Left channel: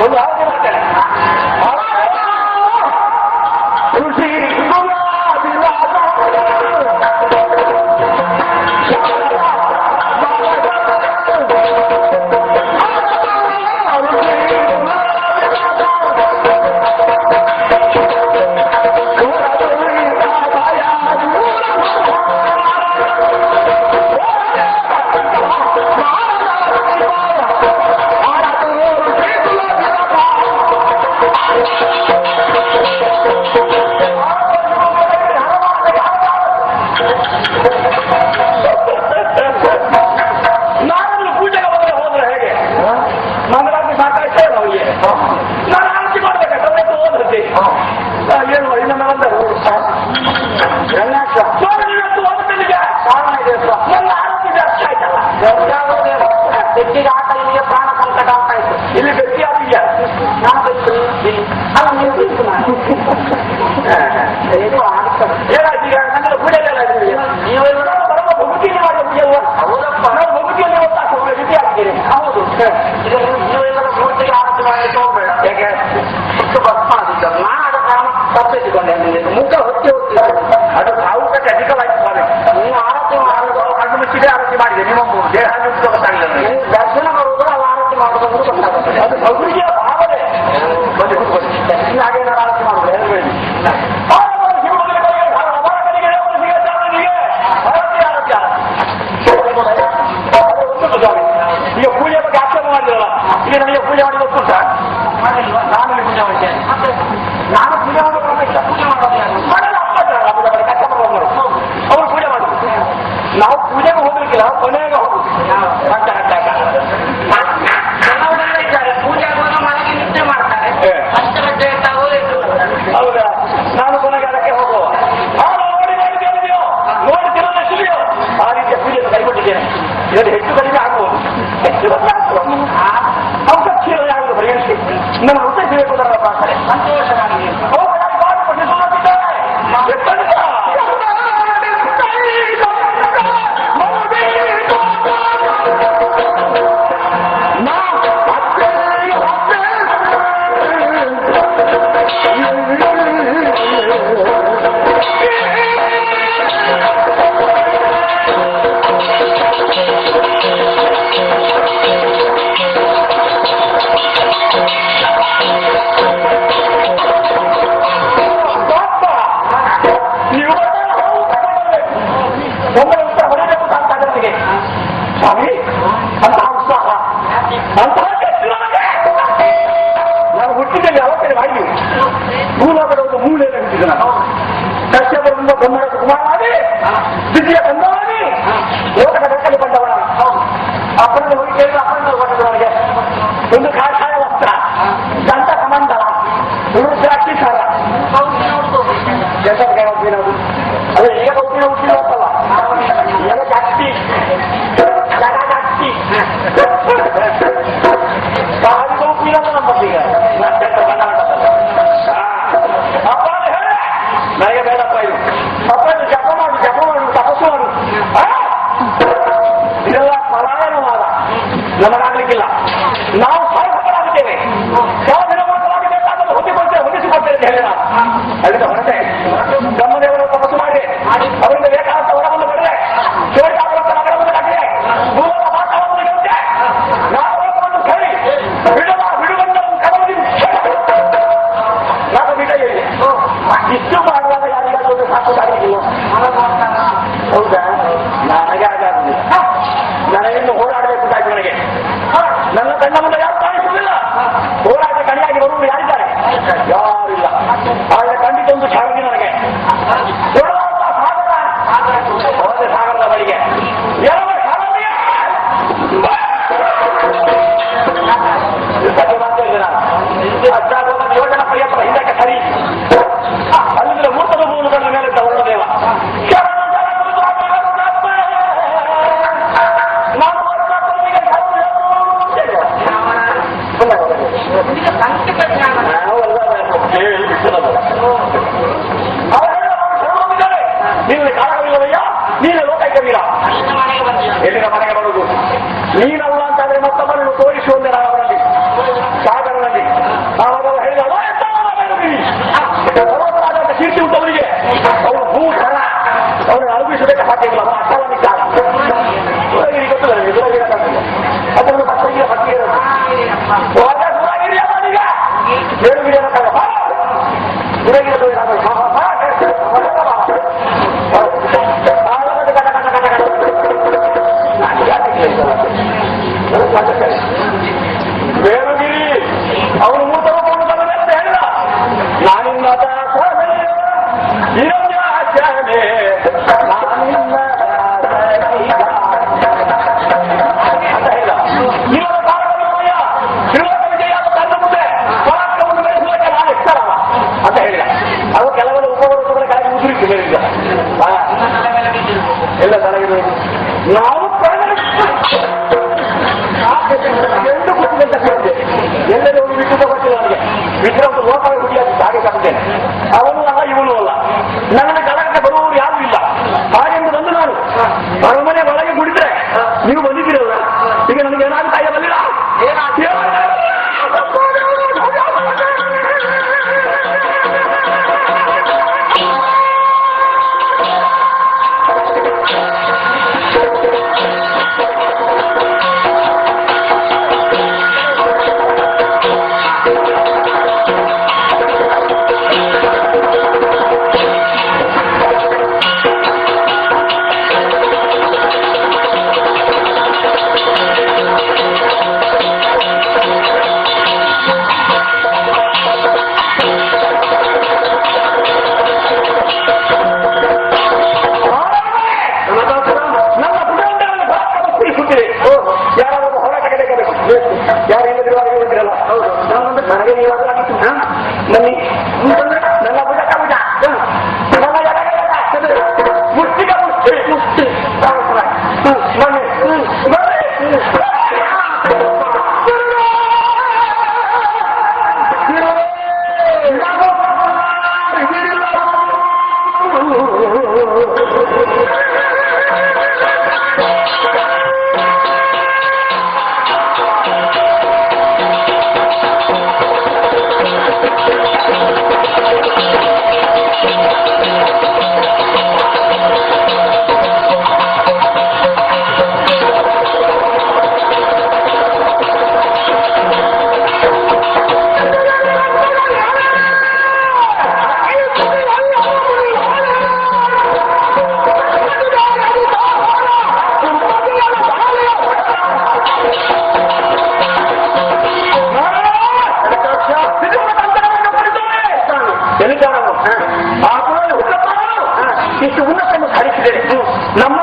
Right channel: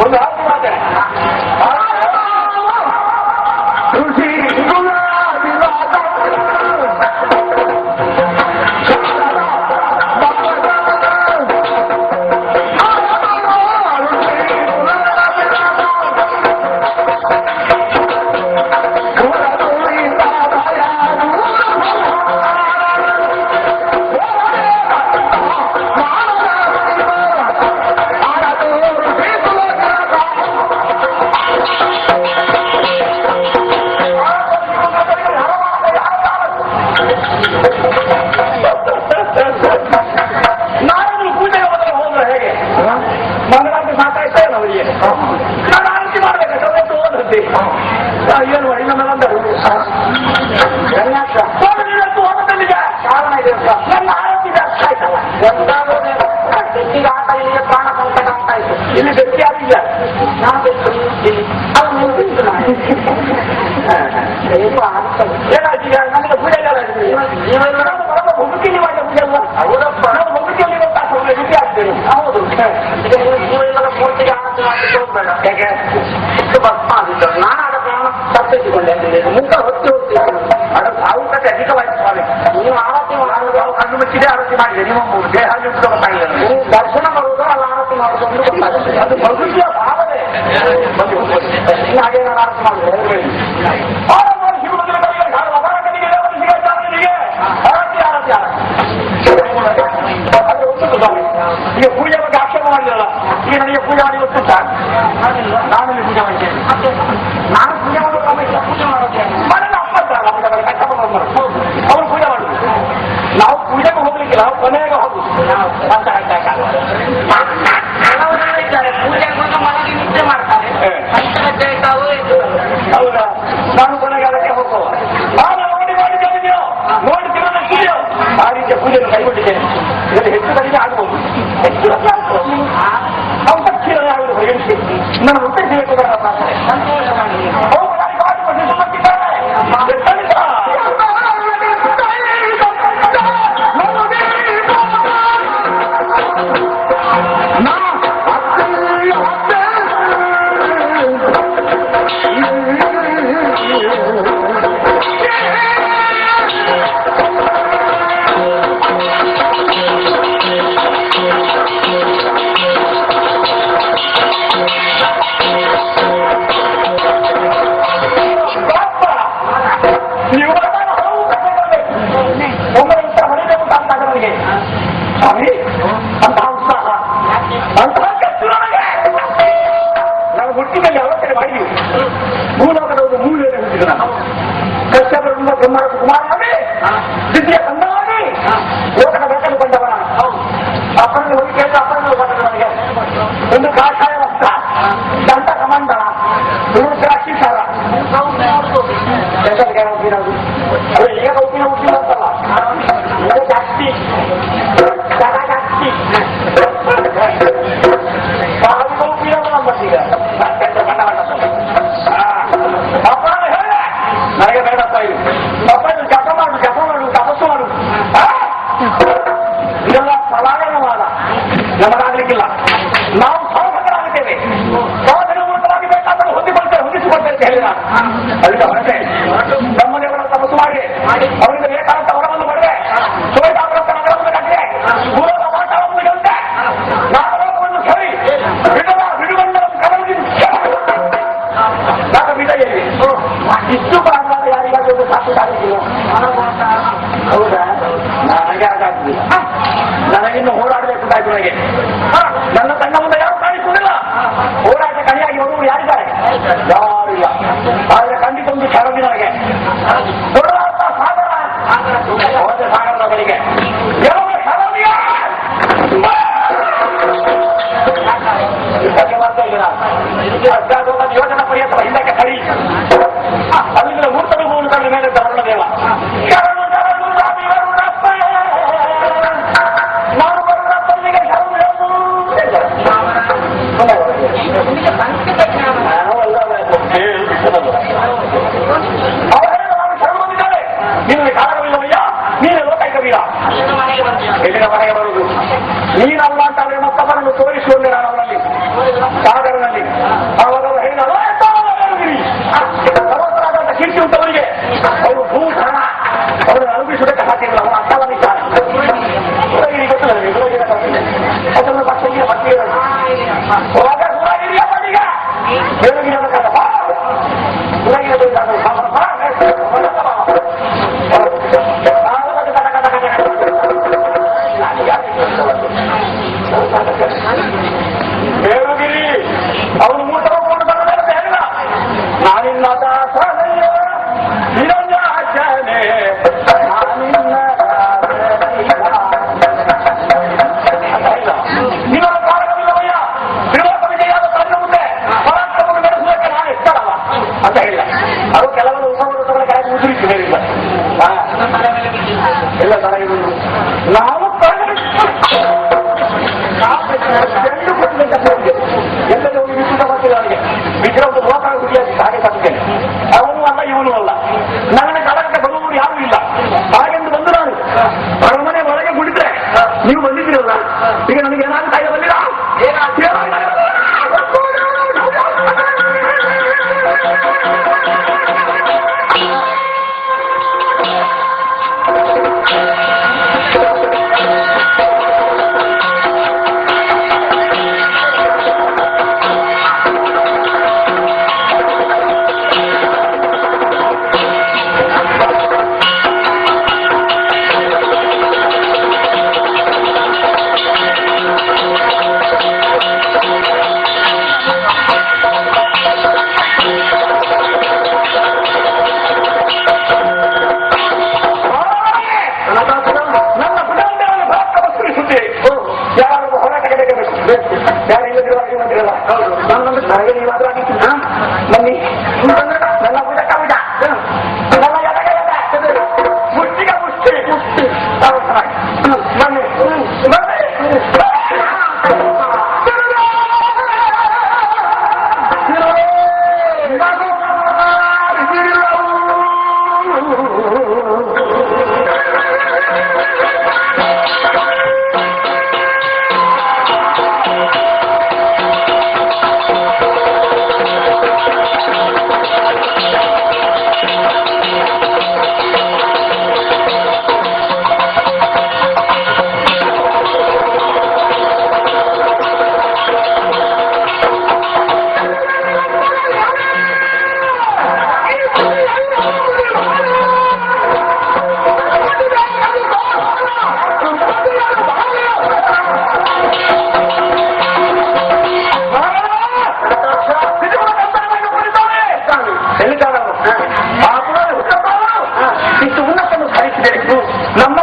ಒಂದು ಹಾಗೆ ಮಾತಾಡ ಏನು ಇನ್ನೊಂದು ಬಂದರು ನನ್ನ ಆರೋಗ್ಯದ ಅರ್ಥ ಆಯ್ತಲ್ಲ ಗಟ್ಟಿಗೆ ಆಟ ಇಲ್ಲಿಗೆ ಪ್ರಾಣ ಸಂಕಟ ಅಂತ ಆಯ್ತು ಇಲ್ಲಿ ಗಟ್ಟಿ ಆಗಿಲ್ಲ ನಾನು ಏನಾಯ್ತು ಈಗ ನನಗೆ ಪೂಜೆಲ್ಲ ನೀವೆಲ್ಲ ಮುಗುಕಿಗೆ ಮಾಡಿದ ಪೂಜೆಲ್ಲ ಹೌದಪ್ಪ ನಾವು ಮುಗುಕಿಯಲ್ಲಿ ಗೊತ್ತಾಗ್ತದೆ ಗಟ್ಟಿ ಆಗ್ತೇನೆ ಹೌದು ಈಗ ನೀವೆಲ್ಲರ ಪೂಜೆಗೆ ಆರತಿ ಮಾಡಲಿಕ್ಕೆ ಹೋಗ್ಬೇಡ ಯಾಕೆ ಎಷ್ಟು ಭಸ್ಮ ಆಗಿತ್ತು ನಾನು ಅದಕ್ಕೆ ತಪ್ಪಿಸಿಕೊಂಡೆ ಮುಖ ಹೊತ್ತಿ ಹೋಗ್ತೀವಿ ಅದು ಭಾವುಕತೆ ಅಧಿಕವಾಯ್ತು ಸ್ವಾಮಿ ನೀವು ಆರತಿ ಮಾಡುವ ಕಣ್ಣು ಮುಚ್ಚಿದೆ ಆರತಿ ಮಾಡಿದೆ ನಿಮ್ಮ ದೇಹ ಗೊತ್ತಾಗಿದೆ ನೀವು ದರ್ಶನ ಮಾಡುವುದು ಅಲ್ಲ ಆರತಿ ಮಾಡುವುದು ಗೊತ್ತಾಗುತ್ತೆ ಅದು ಮಗುವಿಯ ಭಾವನೆ ಹಾಗೇನಾರು ಆರತಿ ಮಾಡುದು ಹೇಳಿ ಈಗ ಪೂಜೆ ಬಗ್ಗೆ ಆಕ್ಷೇಪ ಮಾಡಿದಲ್ಲ ಈಗ ನನಗೆ ಪೂಜೆ ಮಾಡಿ ಗೊತ್ತು ನಾನು ಪೂಜೆ ಮಾಡ್ತೇನೆ ನಾನು ಪೂಜೆ ಮಾಡೋದು ಪೂಜೆ ಮಾಡೋದು ಮಾಡಲ್ಲ ಅವ್ರು ಪೂಜೆ ಮಾಡುದು ನಾವು ಪೂಜೆಗೆ ಹೋಗ್ಲಿಕ್ಕಿಲ್ಲ ಕೊನೆಗೆ ಹೋಗುದು ಪೂಜೆ ಮನೆಗೆ ನಿದ್ದೆ ಮಾಡ್ತಾರೆ ಹೌದಾ ನಾನು ಕೊನೆಗೆ ಅದಕ್ಕೆ ಹೋಗುವ ನಾನು ನೋಡಿ ಮಾಡಿದ್ದೇನೆ ನೀವು ನೋಡ್ತೀವಲ್ಲ ಸುಳಿಯೋ ಆ ರೀತಿಯ ಪೂಜೆಯನ್ನು ಕೈಗೊಂಡಿದ್ದೇನೆ ಇದರಲ್ಲಿ ಹೆಚ್ಚು ಕಡಿಮೆ ಆಗಬಹುದು ಹೆಚ್ಚು ಅವಕಾಶ ಆಗುವುದು ಪರಿಗಣಿಸಿ ನನ್ನ ಉದ್ದೇಶ ಬೇಕುದರ ಪ್ರಾರ್ಥನೆ ಸಂತೋಷವಾಗಿ ಸ್ವಾಮಿ ಅಂತಹ ಉತ್ಸಾಹ ಅಂತಹ ಕಷ್ಟ ನನಗೆ ನಾನು ಹುಟ್ಟಿದಲ್ಲಿ ಯಾವ ಕಡೆ ಮಾಡಿದ್ವಿ ಭೂಲೋಕದ ಒಂದು ಮೂಲೆಯನ್ನು ಹುಟ್ಟಿದ ನಾನು ಕಶ್ಯಪರಿಂದ ಬ್ರಹ್ಮರ ಕುಮಾರನಾಗಿ ದ್ವಿತೀಯ ಕಂದವಾಗಿ ಲೋಕದ ಬೆಟ್ಟಲು ಬಂದವ ನಾನು ಅಪ್ಪನಲ್ಲಿ ಹೋಗಿ ಕೇಳಿದ ಅಪ್ಪನಲ್ಲಿ ಬಂದದ ನನಗೆ ಒಂದು ಕಾಷಾಯ ವಸ್ತ್ರ ದಂತ ಕಮಂಡಲ ರುದ್ರಾಕ್ಷಿ ಸರ ಎಲ್ಲರಿಗೆ ಹೋಗಿರೋದು ಅದೇ ಈಗ ಹೋಗಿರೋ ಹುಟ್ಟಿಲ್ಲ ಅಂತಲ್ಲ ಜಾಸ್ತಿ ನನಗೆ ಬೇಡಪ್ಪ ಇವು ಅಪ್ಪ ಜಪ ಮಾಡು ತಪಸ್ಸು ಮಾಡು ಇದೆಲ್ಲ ಪಲಾಯನವಾದ ನಮಗಾಗ್ಲಿಕ್ಕಿಲ್ಲ ನಾವು ಸಾಧಕರಾಗಿದ್ದೇವೆ ಸಾಧನ ಮೂಲಕವಾಗಿ ಬೇಕಾದ್ರೆ ಹೊಂದಿಸಿಕೊಳ್ತೇವೆ ಅಂತ ಹೇಳಿ ನಾನು ಅದಕ್ಕೆ ಹೊರಟೆ ಬ್ರಹ್ಮದೇವರ ತಪಸ್ಸು ಮಾಡಿ ಅವರಿಂದ ಬೇಕಾದಂತ ವರವನ್ನು ಪಡೆದೆ ಸೋಯದಾದಂತ ನಗರವನ್ನು ಕಟ್ಟಿದೆ ಭೂಲೋಕ ವಾತಾವರಣವನ್ನು ಗೆಲ್ತೆ ನಾಗಲೋಕವನ್ನು ಸರಿ ಬಿಡುಗಣ್ಣವನ್ನು ಕರವದಿ ನಾಗ ಬಿಡ ಹೇಳಿ ಇಷ್ಟು ಮಾಡುವಾಗ ಯಾರಿಗಾದ್ರೂ ಸಾಕುತ್ತಾಗಿದೆಯೋ ಹೌದಾ ನನಗೆ ಹಾಗಾಗ್ಲಿ ನನಗಿನ್ನು ಹೋರಾಡಬೇಕು ತಾಯ್ತು ನನಗೆ ನನ್ನ ತನ್ನ ಮುಂದೆ ಯಾರು ಕಾಣಿಸುವುದಿಲ್ಲ ಹೋರಾಟ ಕಣಿಯಾಗಿ ಬರುವುದು ಯಾರಿದ್ದಾರೆ ಯಾರಿಲ್ಲ ಆದರೆ ಖಂಡಿತ ಒಂದು ಕ್ಷಣದಿ ನನಗೆ ಕೊಡುವಂತ ಸಾಗರ ಹೊರತೆ ಸಾಗರದ ಬಳಿಗೆ ಮಾಡ್ತಾ ಇದ್ದೆ ನಾನು ಯೋಜನಾ ಪರ್ಯಂತ ಹಿಂದಕ್ಕೆ ಸರಿ ಅಲ್ಲಿಂದ ಮೂರ್ತದ ಭೂಮಿ ಕಂಡ ಮೇಲೆ ವರ್ಣದೇವ ನಾನು ವರ್ಣಪ್ಪನಿಗೆ ಶರಣವಿದ್ದಾರೆ ನಿನ್ನ ಕಾರಣವಿಲ್ಲವಯ್ಯ ನೀನು ಲೋಕೈಕ ವೀರ ಎಲ್ಲಿನ ಮನೆಗೆ ನೀನಲ್ಲ ಅಂತಾದ್ರೆ ಮತ್ತೊಬ್ಬರನ್ನು ತೋರಿಸುವಂತೆ ನಾನು ಅವರಲ್ಲಿ ಸಾಗರನಲ್ಲಿ ಅವಾಗ ಹೇಳಿದ ಸರ್ವತರಾದಂತ ಕೀರ್ತಿ ಉಂಟು ಅವರಿಗೆ. ಅವರು ಭೂಷಣ ಅವರು ಅನುಭವಿಸುವುದಕ್ಕೆ ಸಾಧ್ಯವಿಲ್ಲ. ಅವರ ಅರ್ಥವನ್ನಿದ್ದಾರೆ ಗೊತ್ತಿಲ್ಲ ಅದನ್ನು ಮಕ್ಕಳಿಗೆ ಮಧ್ಯೆ ಸುರಾಗಿರಿಯ ಈಗ ಬೇರೆ ಸುರಾಗಿರ ಬೇರುಗಿರಿ ಅವನು ಮೂಟ ಹೋಗ್ಕೊಂಡು ಬಂದ ಅಂತ ಹೇಳಿದ. ನಾನಿನ್ನ ದಾಸನಯ್ಯ ನಿರಂಜಾಚನೆ ನಾನಿನ್ನ ಅಂತ ಹೇಳಿದ. ಇವರ ಕಾಲಕವಿಲ್ಲವಯ್ಯ ತ್ರಿಲೋಕ ವಿಜಯಾದ ತನ್ನ ಮುಂದೆ ಪರಾಕ್ರಮವನ್ನು ಬೆಳೆಸುವುದಕ್ಕೆ ನಾನು ಇಷ್ಟಲ್ಲ ಅಂತ ಹೇಳಿದ. ಅದು ಕೆಲವರು ಉಪವೃತ್ತಗಳ ಕೆಳಗೆ ಉದುರಿತು ಮೇಲಿಂದ ಎಲ್ಲ ತಲೆಗಿರುವುದು. ನಾವು ಎಲ್ಲರೂ ಹೋಗಿ ಬಿಟ್ಟು ಗೊತ್ತಿಲ್ಲ ನನಗೆ. ವಿಗ್ರಹದ ಲೋಕ ಹುಡಿಯಾಗಿ ಹಾಗೆ ತಪ್ಪುತ್ತೇನೆ. ಅವನು ಅಲ್ಲ ಇವನು ಅಲ್ಲ. ನನ್ನ ಕಳಕ್ಕೆ ಬರುವವರು ಯಾರೂ ಇಲ್ಲ. ಹಾಗೆಂದು ಬಂದು ನಾನು ಅರಮನೆ ಒಳಗೆ ಕುಡಿದ್ರೆ ನೀವು ಬಂದಿದ್ದೀರಲ್ಲ, ಈಗ ನನಗೆ ಏನಾಗುತ್ತೆ ಬಲ್ಲಿರ ನಮ್ಮ